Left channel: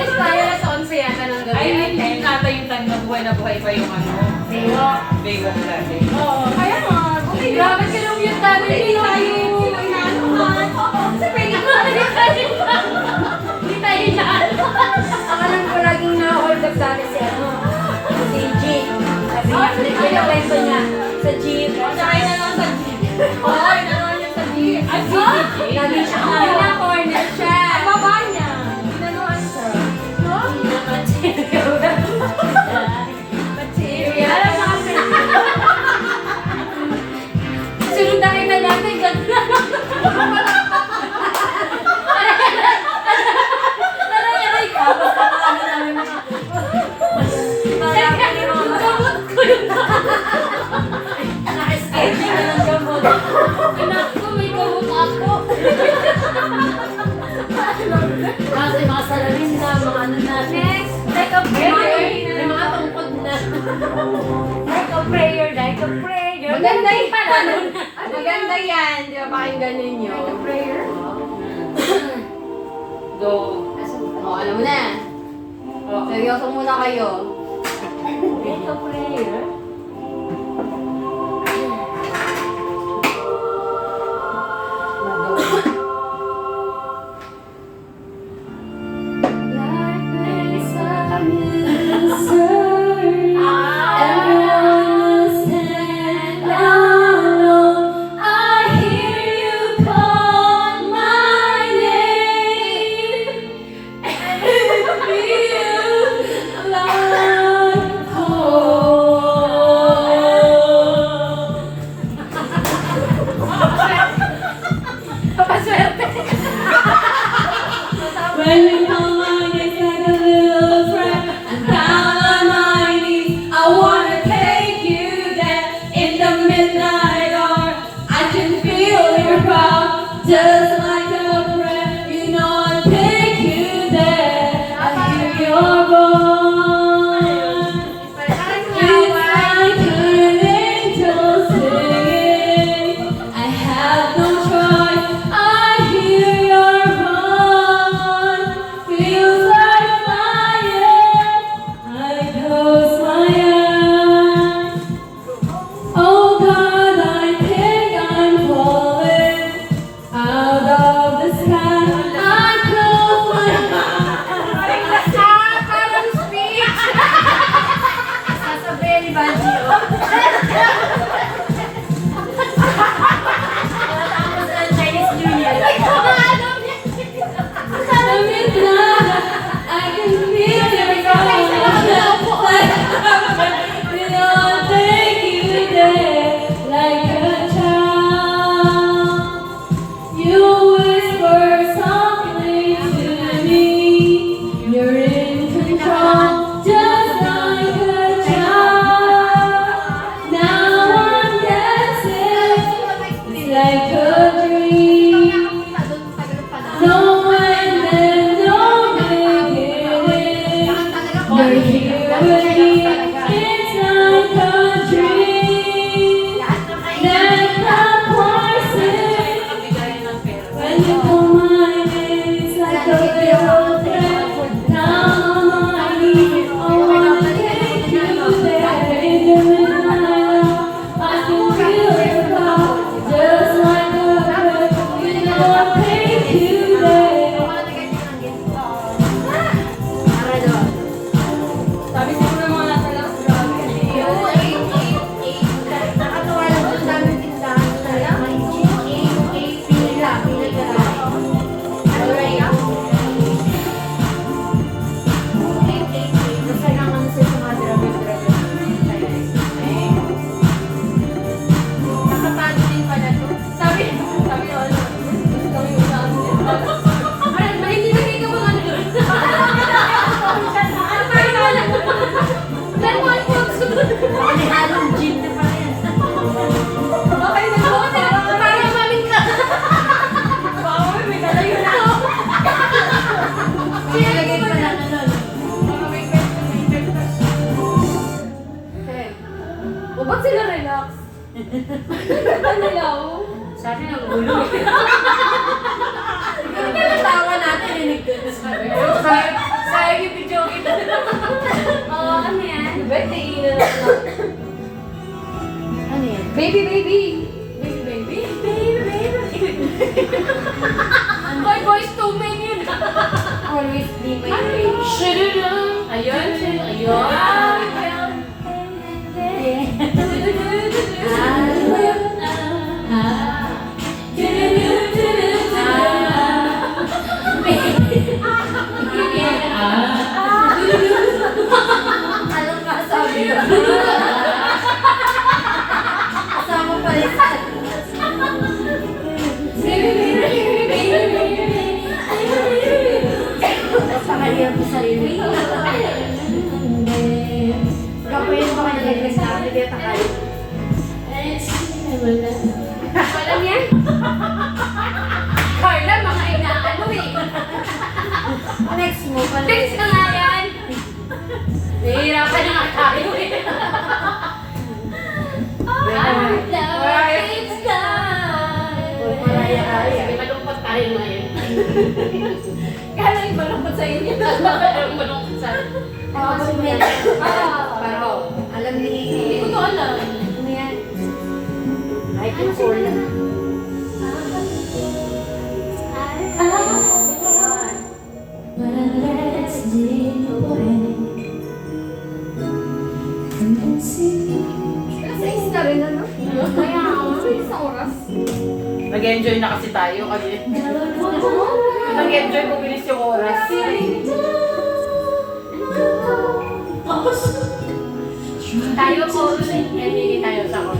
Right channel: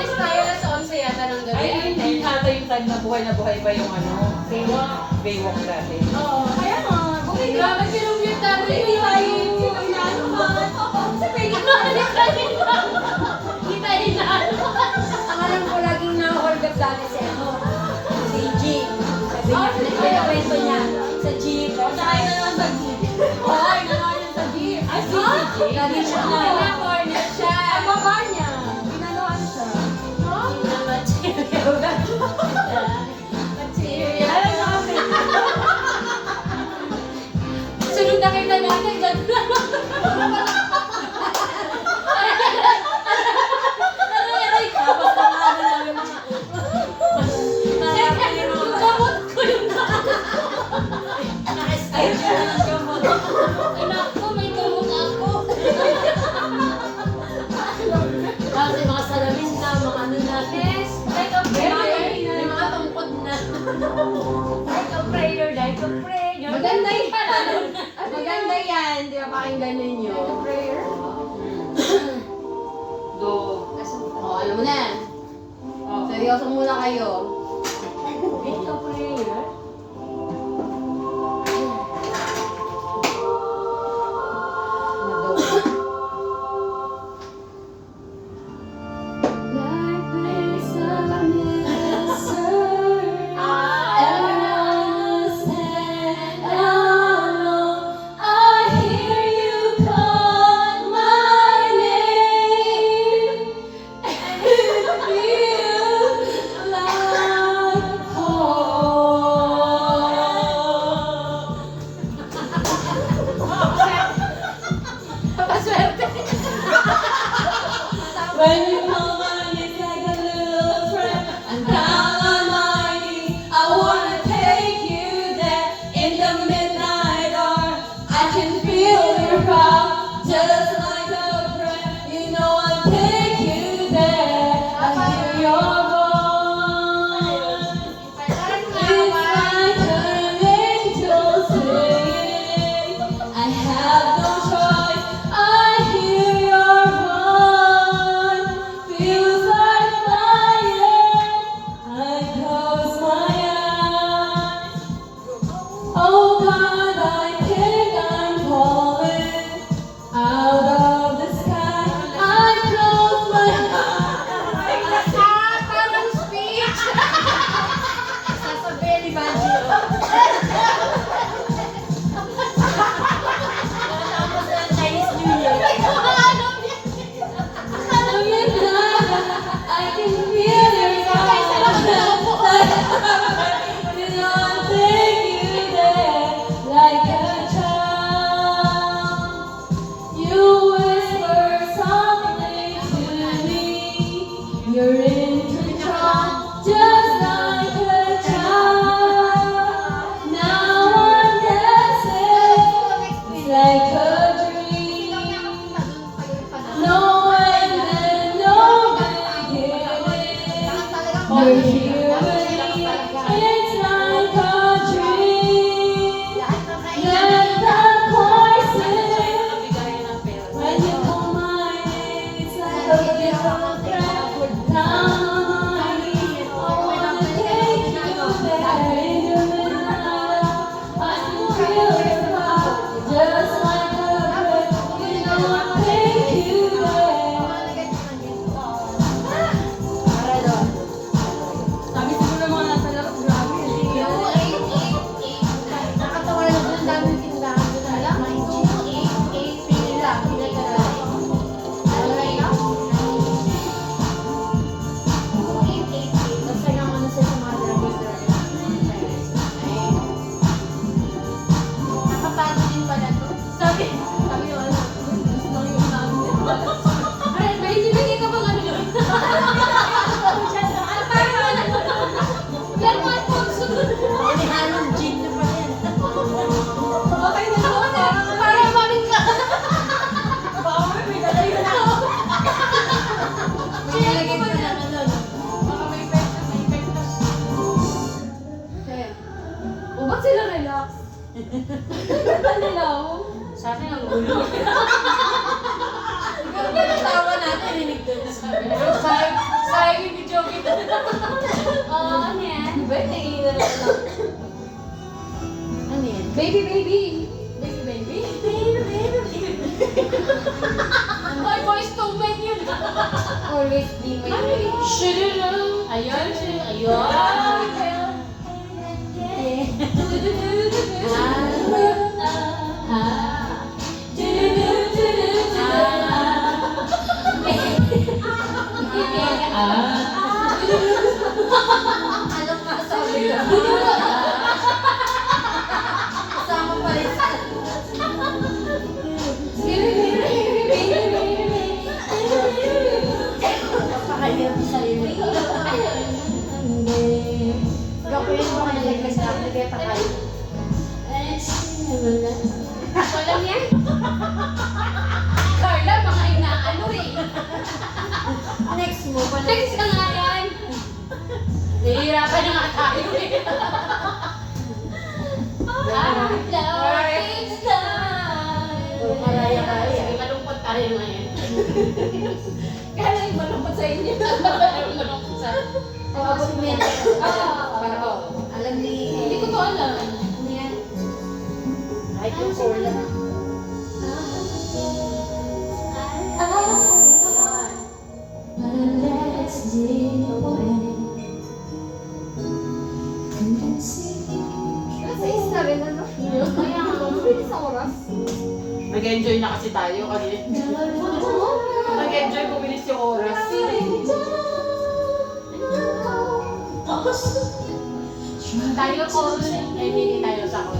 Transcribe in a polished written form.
Alis tayo alas 11 yata ng gabi. Ay, hindi ata yung time na buhay pa yung ano. Baywalk dati. Oo, kaya nga. Grabe ka nung yung tayo. Hindi tayo Hindi tayo inaano. Ang alam ko laging na-hold up dati si G. Sabi niya, nagkwento niya sa jeep. Sakay na naman sa jeep. Oo, inawa niya sa jeep. Ay, si Lagi siya corner siya. Ang baba niya. Ginanuhan siya. Material. Alam mo kasi. Sunod na kita natin. Aray ka. Basta paano namin mga... Yung gamot ko yung naka-escape na ng gamot. Anak ko, may gamot ako. Kasi mga salamin na, mga ano na. Next, like a prayer. May mga tungkod na. like a prayer. Maganda yan. Maganda yan. Di ba pakinggan ninyo? Like a prayer. Go. Oh, alam mo na. Seryoso muna kayo. Like a prayer. When you come on, it's like a little friend. I'm down on my knees. I wanna take you there in the midnight hour. I can feel your power, just like a prayer. You know I'll take you there. I hear your voice. It's like an angel singing. I have no choice. I hear your voice. Feels like fire. I close my eyes. Oh God, I think I'm falling out of the sky. I close my eyes. Parang speech. Sasabihin ni Banji. Tapos ng Chinese New Year. The midnight, I can feel your voice. You know I'll take you there like a child. You whisper softly to me. You're in control, just like a child. Now I'm dancing, it's like a dream. No end and no beginning. You're here with me, it's like a dream. Then the voices, when you call my name, it's like a little friend. Now I'm knees, I wanna take you there in the midnight hour. I can feel your power, just like a breath. You know I'll take you there. Sabi siguro mga nasa labas grabe. Nakatawa lang doon, dami tindahan doon na lang. Nakatalo din pala to. Sabi ko ano, gusto ko yung sabi niya. Ay, hindi na kayo bang ano yun? Ano ba yun? Laruan po. May halong jeep na pa rin. Okay na po. Para mamin ka. Baka may dala yun ako. Nilagay pa lang ano. Baka may pesta. O, ba't sila relax? Ano lang? Sa akin ang gulo. Yung tawa natin, rinig doon. Sabi naiinan na lang. Ano yan? Baby, baby. Baby, baby. Boy, boys, two men yun. Always be my way. Shoo-doo-doo. Ayun, siya. Ayun. Anong masabi ko? Kasama pa rin sa... Napakahirap sa sarili. Gawin mo ka nalaglas na ako, hindi takay. Alam yan? Carla, mga inaano eh. Next mo, Next na nga yan. Nahihirapan na nga tayo eh. Oh, Mariah. Sige, malungkot tayo ngayon. Kala yung malungkot sa inyo. Malungkot sa akin. Abot mo yan. Paro. Alam ni... Hindi ko to alam. Ano yan? Ay, yung cola. Kasi isa rin, ano? Kaya nga, mabilis sa oras. Nag-enjoy na kasi tayo kasi. Nag-enjoy kung bilis yung oras. Tayo ko, hindi tayo sa kon.